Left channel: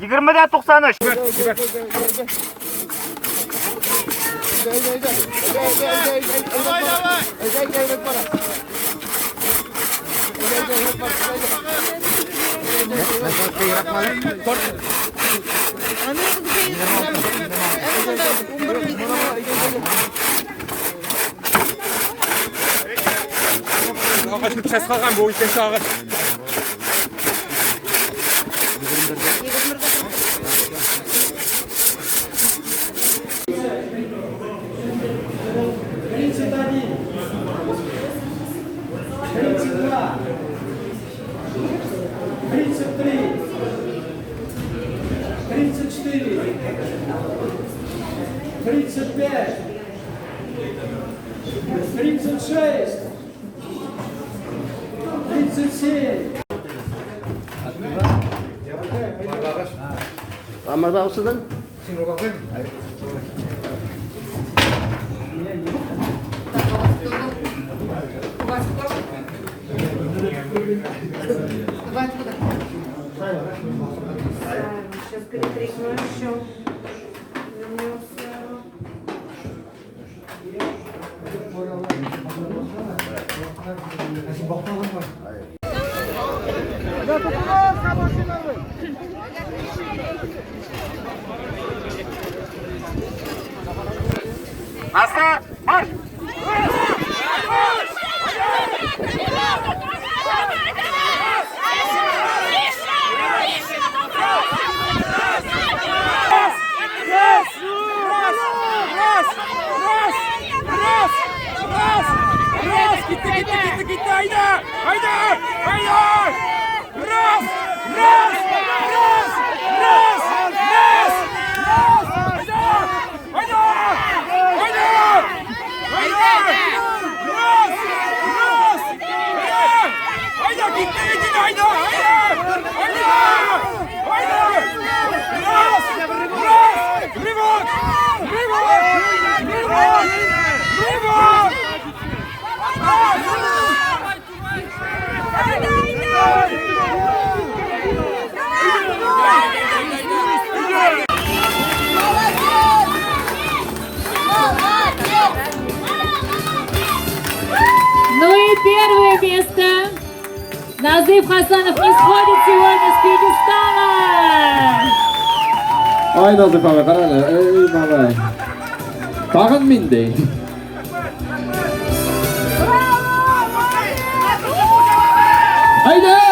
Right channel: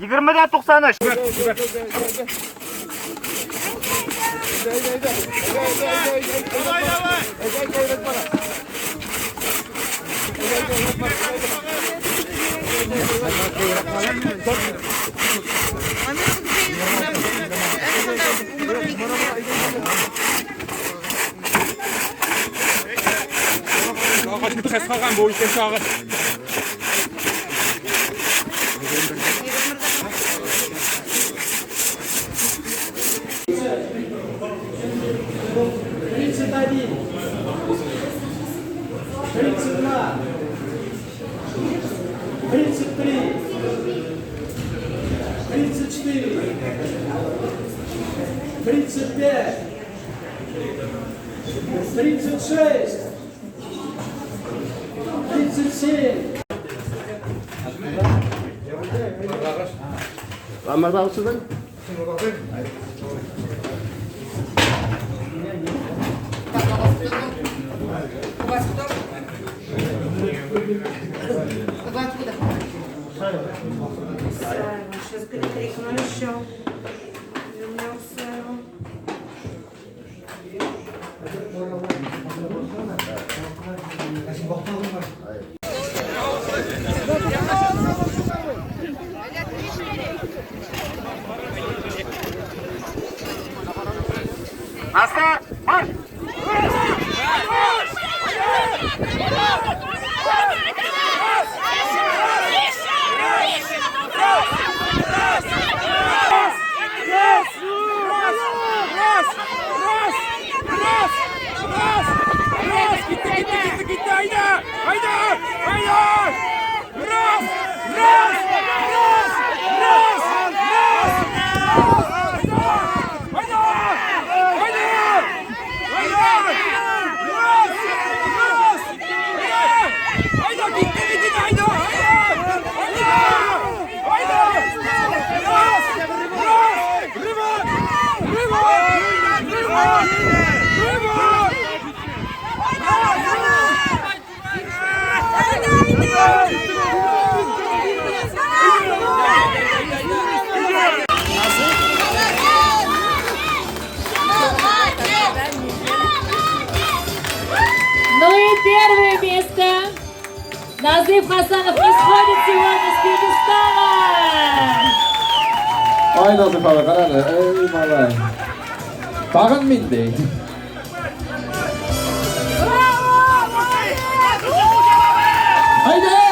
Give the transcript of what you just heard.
20'den 93. Kaçıp ses kalkan bu işte şahı. Kamar da olsun. Сейчас перетряхну еще. Вернемся. Aslan, marş! Gitti hayda! Hayda! Hayda! Ras! Ras! Ras! Ras! Ras! Hayda! Hayda! Hayda! Ras! Ras! Hayda! Gitti hayda! Hayda! Hayda! Hayda! Ras! Ras! Riva! Riva! Riva! Riva! Ну и первое место. Назыв Хасанов не сходит сегодня с пьедестала. Ay Nazif abi kararlı. Eyvallah. Bakın mindi. Haydi.